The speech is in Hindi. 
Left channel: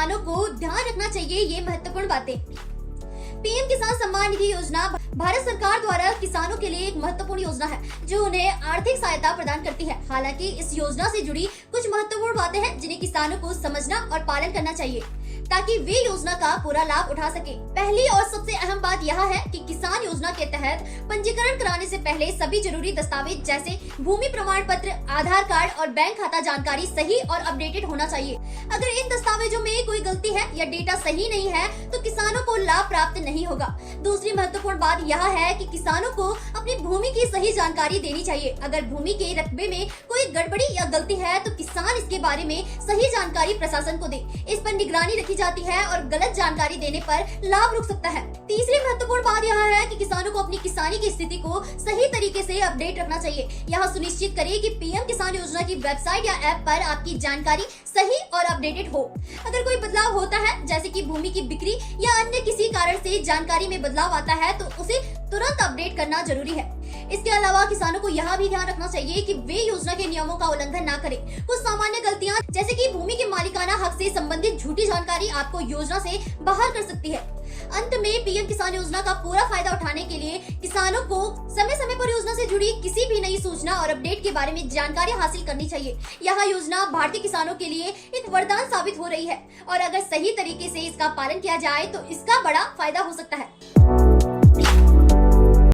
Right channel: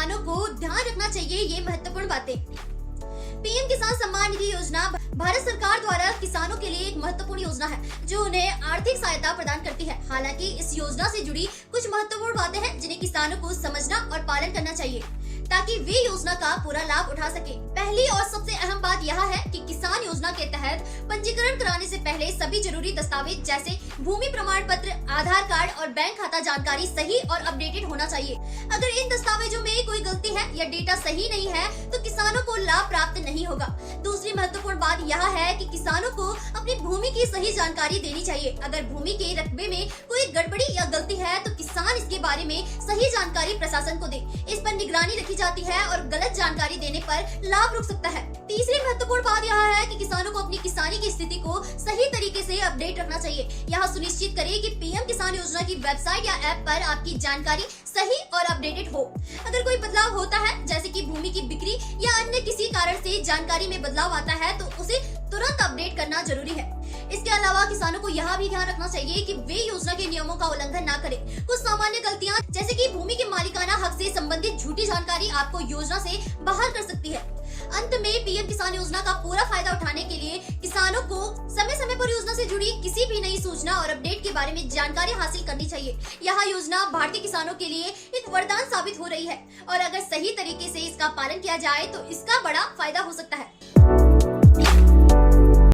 किसानों को ध्यान रखना चाहिए ये महत्वपूर्ण बातें। पीएम किसान सम्मान निधि योजना भारत सरकार द्वारा किसानों के लिए एक महत्वपूर्ण योजना है जो उन्हें आर्थिक सहायता प्रदान करती है। हालांकि इस योजना से जुड़ी कुछ महत्वपूर्ण बातें हैं जिन्हें किसानों को समझना और पालन करना चाहिए ताकि वे योजना का पूरा लाभ उठा सके। पहली और सबसे अहम बात यह है कि किसान योजना के तहत पंजीकरण कराने से पहले सभी जरूरी दस्तावेज जैसे भूमि प्रमाण पत्र, आधार कार्ड और बैंक खाता जानकारी सही और अपडेटेड होना चाहिए। अगर इन दस्तावेजों में कोई गलती है या डेटा सही नहीं है तो किसानों को लाभ प्राप्त नहीं होगा। दूसरी महत्वपूर्ण बात यह है कि किसानों को अपनी भूमि की सही जानकारी देनी चाहिए। अगर भूमि के रकबे में कोई गड़बड़ी या गलती है तो किसान इसके बारे में सही जानकारी प्रशासन को दे। इस पर निगरानी रखी जाती है और गलत जानकारी देने पर लाभ रुक सकता है। तीसरी महत्वपूर्ण बात यह है कि किसानों को अपनी किसानी की स्थिति को सही तरीके से अपडेट रखना चाहिए। यह सुनिश्चित करें कि पीएम किसान योजना की वेबसाइट या ऐप पर आपकी जानकारी सही और अपडेटेड हो। अगर कोई बदलाव होता है जैसे कि भूमि की बिक्री या अन्य किसी कारण से जानकारी में बदलाव आता है तो उसे तुरंत अपडेट करना जरूरी है। इसके अलावा किसानों को यह भी ध्यान रखना चाहिए कि वे योजना के नियमों का उल्लंघन न करें। कुछ सामान्य गलतियां जैसे कि भूमि के मालिकाना हक से संबंधित झूठी जानकारी आपको योजना से बाहर कर सकती है। अंत में पीएम किसान योजना का पूरा फायदा उठाने के लिए किसानों को समय समय पर योजना से जुड़ी किसी भी नई सूचना और अपडेट के बारे में जानकारी हासिल करनी चाहिए। यह योजना भारतीय किसानों के लिए एक वरदान साबित हो रही है और अगर सही तरीके से इसका पालन किया जाए तो इसका बड़ा फायदा हो सकता है।